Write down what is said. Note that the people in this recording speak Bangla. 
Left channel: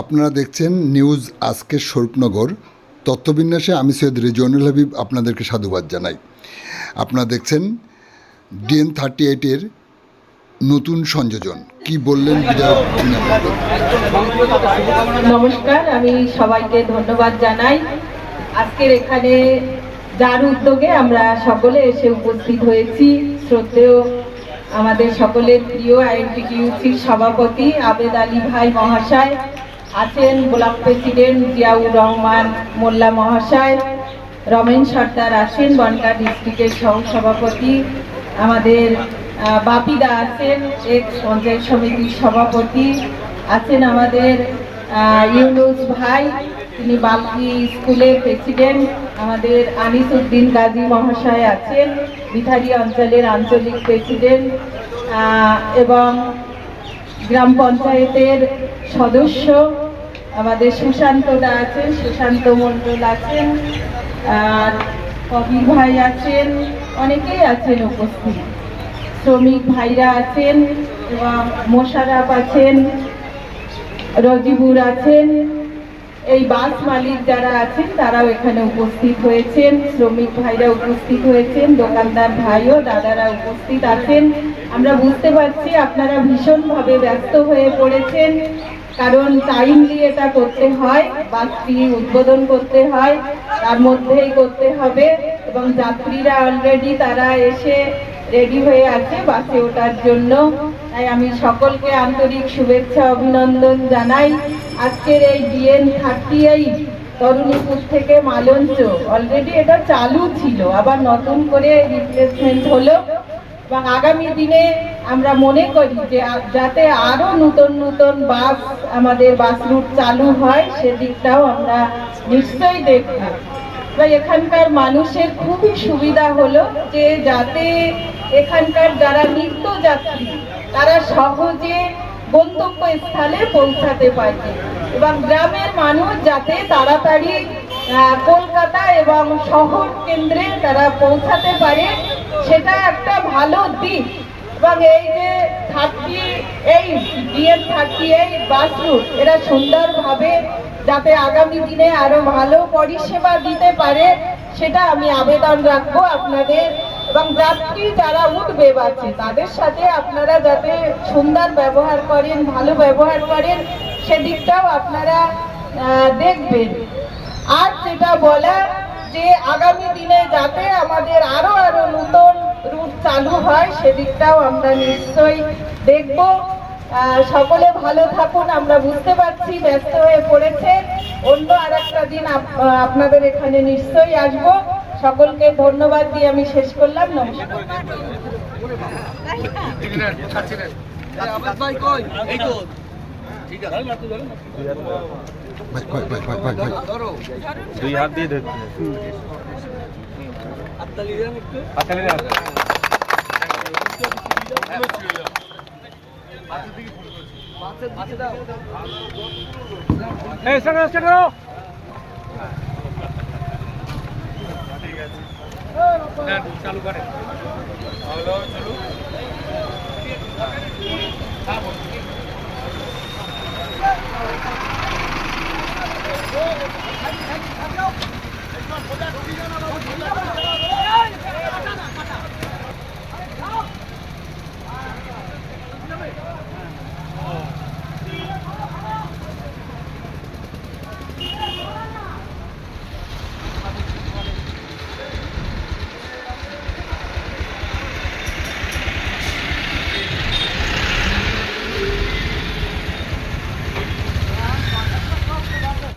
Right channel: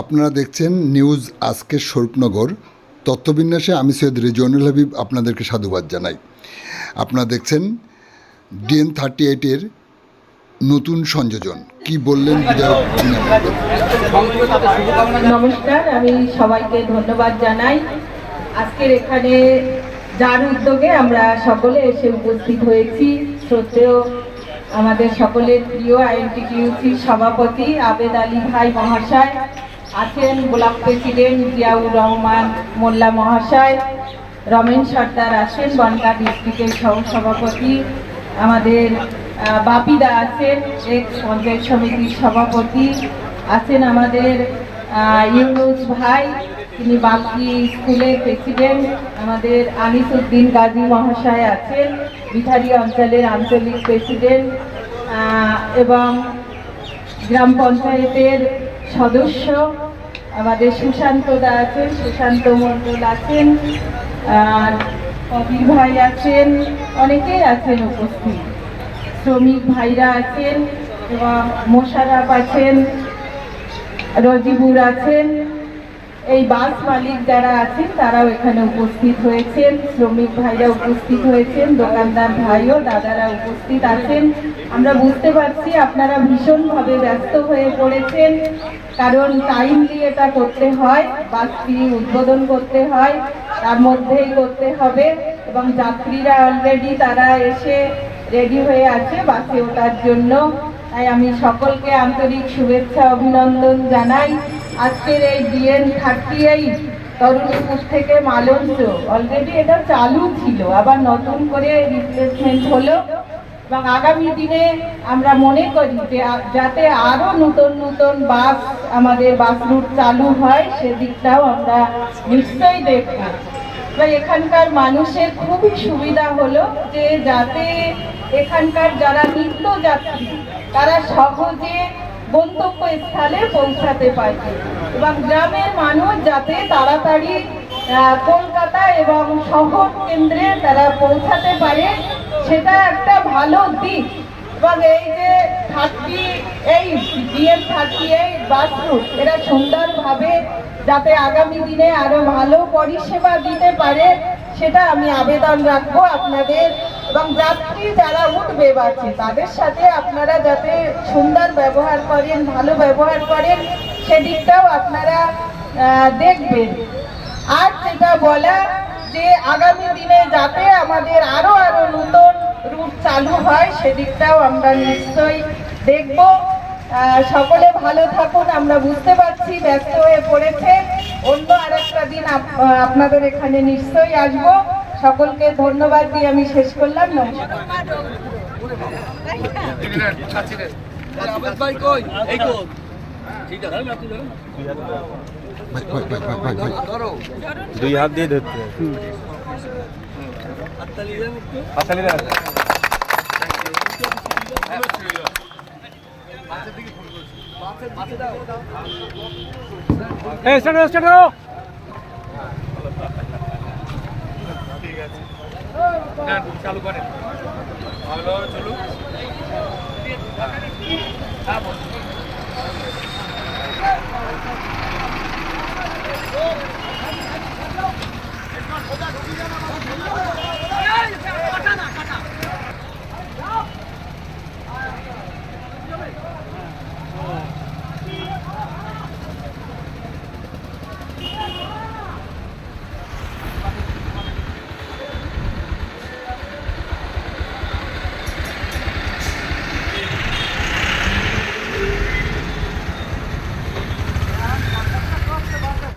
আপনারা দেখছেন নিউজ আজকের স্বরূপনগর। তথ্যবিন্যাসে আমি সৈয়দ রেজওয়ানুল হাবিব আপনাদেরকে সাধুবাদ জানাই। আপনারা দেখছেন DN38-এর নতুন সংযোজন। কি বললেন বিধায়ক বিনা মণ্ডল? নমস্কার, আমি সবাইকে ধন্যবাদ জানাই। আজকের এখানে যার উদ্যোগে আমরা সকলে এসে উপস্থিত হয়েছি, শ্রদ্ধেয় আমাদের সকলের প্রিয় INTTUC-র সভাপতি আবেদ আলী ভাই মহাশয় আছেন, ব্লক প্রেসিডেন্ট জিয়াউর রহমান মোল্লা মহাশয়, রমেন সর্দার আছেন, বনগাঁ ডিস্ট্রিক্টের সহসভাপতি আমাদের বাপিদা আছেন, এক্স পঞ্চায়েত সমিতির সভাপতি আছেন, আমাদের ইউনুস ভাই, তিনি বালকি স্কুলের প্রেসিডেন্ট, আমাদের আনিসউদ্দিন গাজী মহাশয় আছেন, বিথারি অঞ্চলের আঞ্চলিক প্রেসিডেন্ট, এবং গ্রাম পঞ্চায়েতের সদস্য আমাদের সুশান্ত দা আছেন, সুশান্ত মণ্ডল আছেন, আর কবির ভাই আছেন, অনেকেই আছেন উপস্থিত, শ্রমিক ভাইরা আছেন এবং মোশাররফ আছেন, রজিবুর আছেন, এই বাস মালিক যারা আছেন তারাও এখানে উপস্থিত হয়েছেন, শ্রমিক ভাইরা উপস্থিত হয়েছেন, দোকানদার ভাইও দাদারা উপস্থিত আছেন। আমরা বুঝতে পারছি আপনারা ভীষণভাবে ব্যস্ত হয়ে পড়েছেন, কারণ টাইমলি এটা করতে হয়, বাসটি উদ্বোধন করতে হয়, তার মধ্যেই করতে হবে, এবং যাত্রীরা অলরেডি তারা এসে রেডি হয়ে আছে বাসে ওঠার জন্য। তাই আমি সকলকে আন্তরিক শুভেচ্ছা অভিনন্দন জানাই। আজকের এই DN38 তরুণীপুর থেকে মালঞ্চ অলরেডি এটা চালু ছিল, আবার নতুন করে রিপ্লেসমেন্ট হলো, এবং আগামী দিনে আমরা মনে করি যে যাতে আরো নতুন নতুন বাস আমাদের বাস রুট চালু হয়, সেদিকটাও আমরা নিশ্চয়ই দেখব। এখানকার মানুষের খুবই সুবিধা হলো যে যাতে এখানকার যারা নিত্যযাত্রী তারা সহজে গন্তব্যস্থলে পৌঁছাতে পারে, এবং গ্রামের মানুষ যাতে তাড়াতাড়ি কলকাতা এবং শহর কেন্দ্রে তারা পৌঁছাতে পারে, সেটা একটা ভালো দিক। এবং এই যে DN38 বাস রুট এরা সুন্দরভাবে যাতে আগামী দিনে আরো ভালো পরিষেবা দিতে পারে, সেটা আমি আবেদন রাখবো আপনাদের, এবং যাত্রী যারা উঠবে বাসে তাদের সাথে আপনারা যাতে সুন্দর ব্যবহার করেন, ভালো ব্যবহার করেন, সেদিকটাও আপনারা দেখবেন। আর যেটা বলা যে আগামী দিনে যাতে আমাদের আরো নতুন রুট চালু হয়, সেদিকটাও আমরা নিশ্চয়ই দেখব। সকলে ভালো থাকুন। আমরা বুঝতে পারছি ব্যস্ত হয়ে পড়েছে, অন্য আরেকটা দিন আপনাদের এখানে নিশ্চয়ই আসবো। সকলকে ধন্যবাদ দিয়ে আমি শেষ করলাম। নমস্কার। দুই হাত দিয়ে ধরতে চালু করেন। চলুন খোঁজা ঢুকি জানা